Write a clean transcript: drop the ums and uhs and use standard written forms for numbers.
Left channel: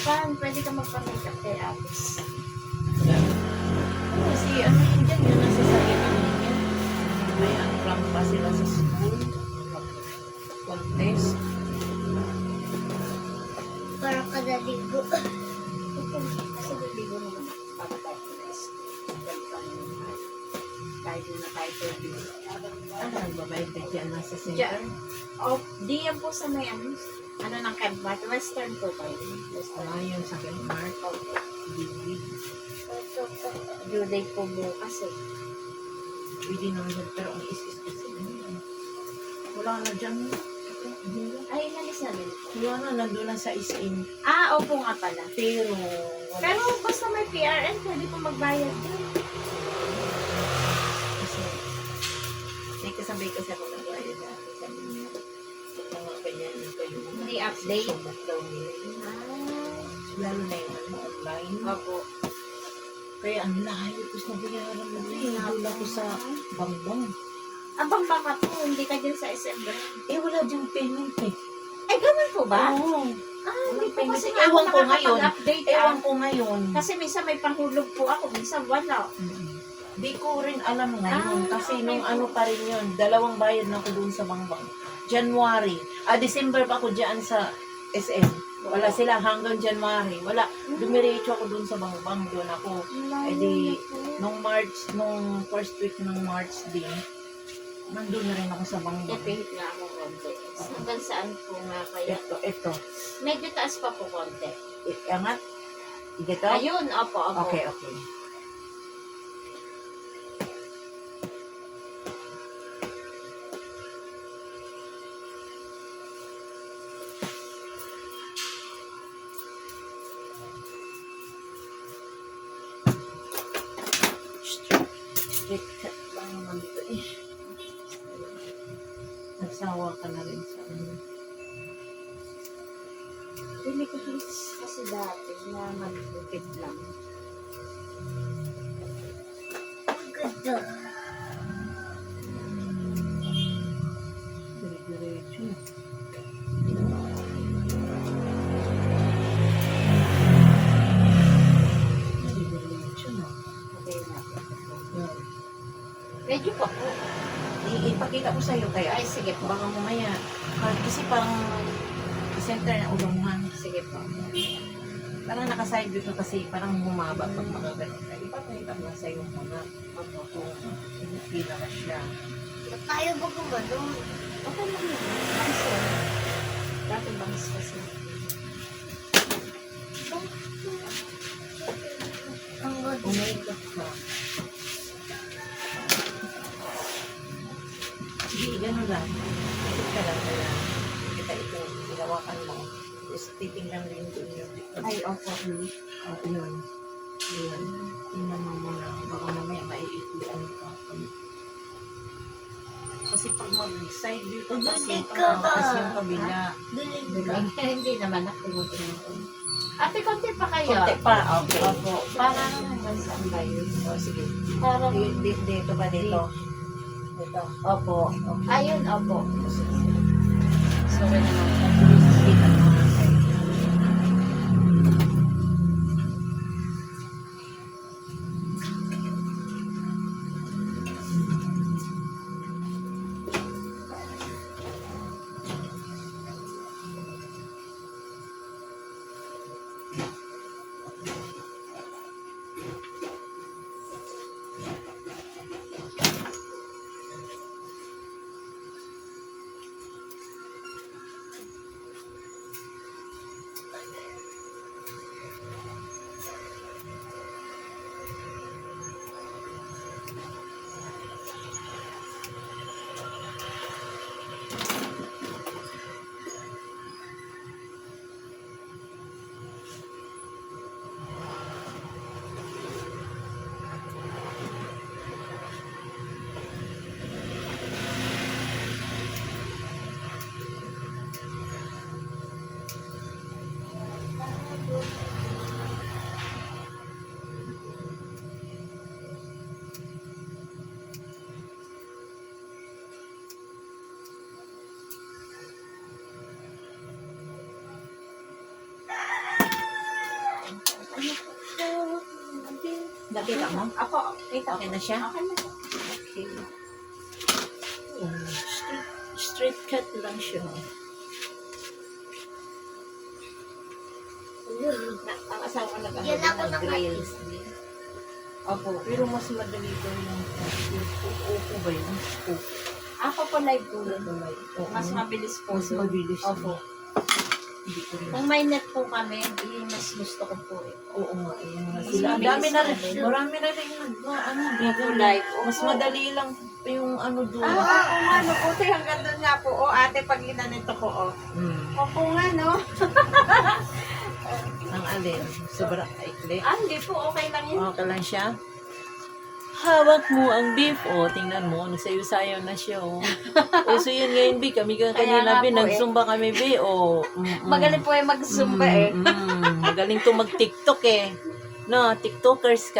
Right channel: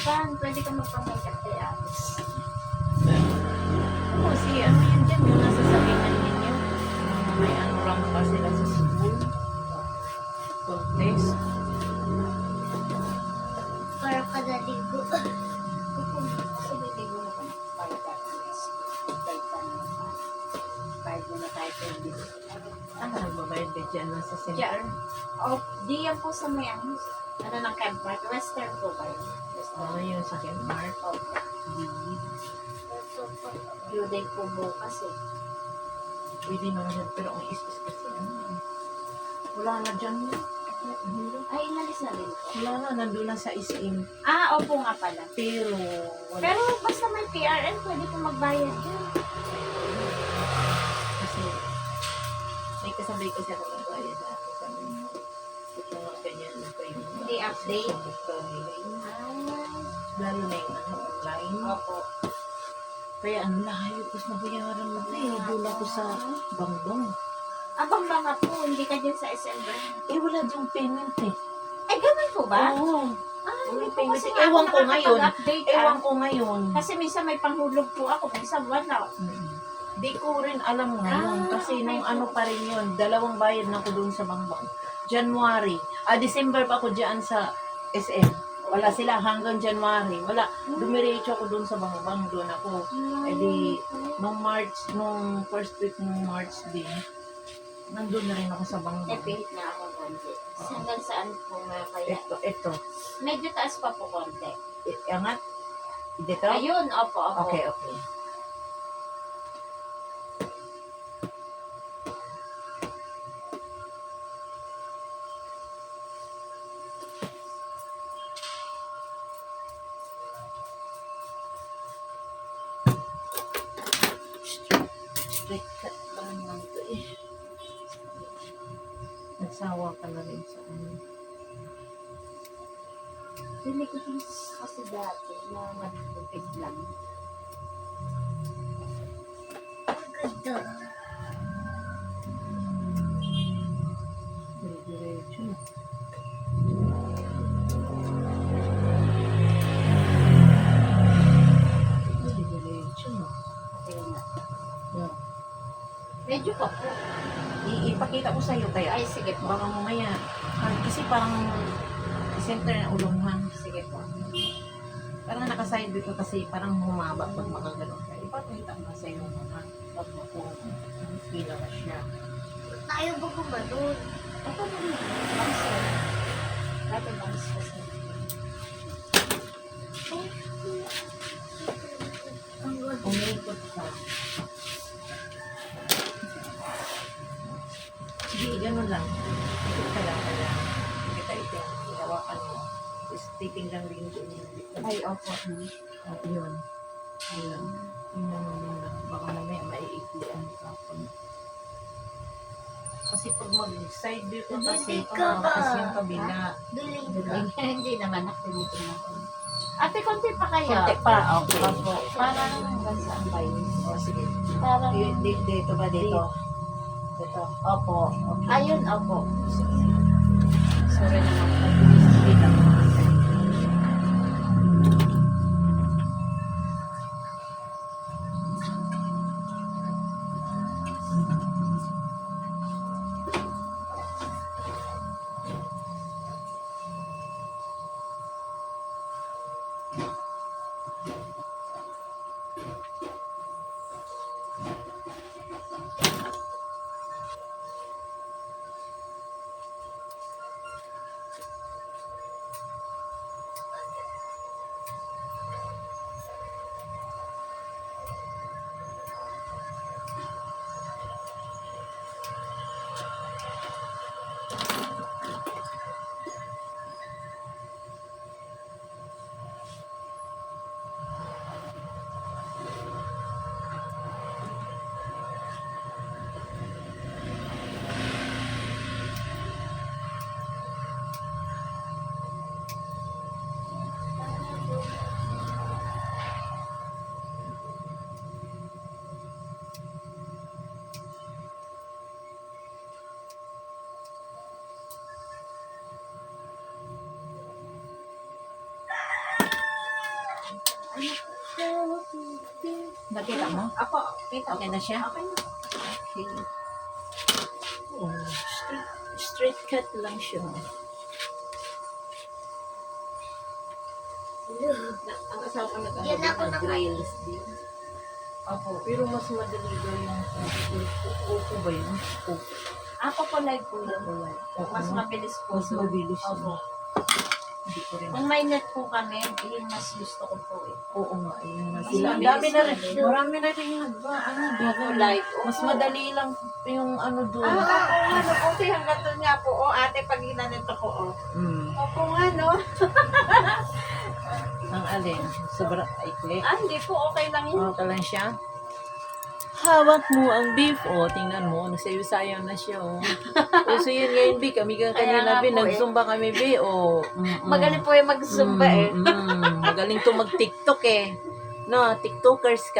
harapan. Pwede ka magpa-makeup kay Apis. Oo, si ano yun dyan, yung nasa salingan ninyo. May ano rank pa sila sa school. Contest. Para kadaligo. Sige, ligo naman para tayo guys. Bayad muna tayo for this. Ah, nagbabayad ka dyan nasa center? Diyan. O, di yan po sa may ano ng Kemart. Western po ba yun? Western. Ah, yung sa Kmart. Okay. Big. Ito pa. Due date po bukas eh. Pwede naman siya, pero ang is-is kasi ano yan. Wala na dyan. Ay, inalis na din po. Wala na, nandun na sa SM. Ah, opo nga pala. Pero, wala. Pero basta may PRN, pwede po magbayad din. Kasi, may kasabay kasi ako nagbayad na. Sabi niya, ito mga ganyan na kayo. Hindi update. Subok daw nila yun. Ah, Lalo na yung ano, online. opo. Kaya ang layo, tapos nabayaran mo na yun. Doon ako sa bangbang. Abang baka po, hindi ka dyan sa SM doon. Eh, wala diyang payment eh. Ay, ganun po ba? Oo. Ah, Walang hindi po payment. kasi Ewan ko ngayon. nakakapag-update. Ewan ko ngayon. Kasi minsan may panghulog po ako, minsan wala. Di ko rin alam ngayon. Ah, Kasi okay nung po. ano pa rin yun, dalawang bayad na ako doon sa bangbang. January. December pa ako dyan sa SM. Wala sila hanggang January. Wala. Dumiretso ako doon sa bangbang. Doon ako. Eh di, nung March, nung first week ng March din, nandun na rin ako sa bangbang. Pihit nga ako konti. Hanggang saan po nga kaya? Ito. Medyo taas pa po konti. Angat. Dito? Ayun, opo. Okay. Straight cut lang naman ito eh. Nagsawa ka na rin sa ano. Hindi ko kasi dati na magpupit lang. Ganda. Dire-diretso. Dire-diretso na. Okay na. Yan. Medyo pa po. Ipakita ko sa'yo kaya. Ay, sige po. Baka mamaya. Kasi parang center na ulungan. Sige po. Parang nakaside dito kasi parang humaba pag mga ganun ka. Ipapakita ko na sa'yo muna. Kung pila na siya. Ba't tayo ba gumanon? Okay lang yun. Bangsa. Dati bangs kasi. Ang ganda. Umikot ka. Hindi, gano'n lang. Ikot ka lang kaya. Kita ito. Hinawakan mo. Tapos titingnan rin doon yung likod. Ay, opo. Yun. Yun. Tingnan mo muna. Baka mamaya maiiklian ka. Kasi pag mag-side view ka kasi, tumakas yung kabila. Duling. Hindi naman nakibutin ako. Ate, konti pa kayo. Konti pa, okay. Opo. Parang hanggang saan ba yun? O, sige. Parang, Dito ba dito? Dito. opo. Okay. Ayun, opo. Sige. Sorry naman po. Kita mo. Nakita mo? Ako, kita Okay ko. na siya? Okay na. Okay. Oh, straight cut lang siya. Ang asawa ko Yan ako nag-grills din. Opo. Pero mas madali daw yung upo ba yun? Upo. Ako po live po yun. Oo. Mas mabilis po. Mas mabilis. Opo. Hindi ko rin. Kung may net po kami, yun mas gusto ko po eh. Oo nga, ayan nga Mas sila. Ang mabilis dami na rin. din. Marami na rin Opo, live. Opo. Mas madali lang yung doon. Ano po, te, hanggang doon nga po. O, ate, pag ginanito ko, o. Opo nga, no? Ang alin? Sobrang ikli. Hindi po, okay lang yun. Okay lang siya. Hawak mo ang beef. O, tingnan mo. Nagsayo-sayo na siya. O. So yan ngayon, Bi. Kami Kaya kanina, nga Bi. po, Nagsumba kami, Bi. O. Magaling po yung mag-zumba eh. Magaling to mag-tiktok eh. No, tiktokers ka,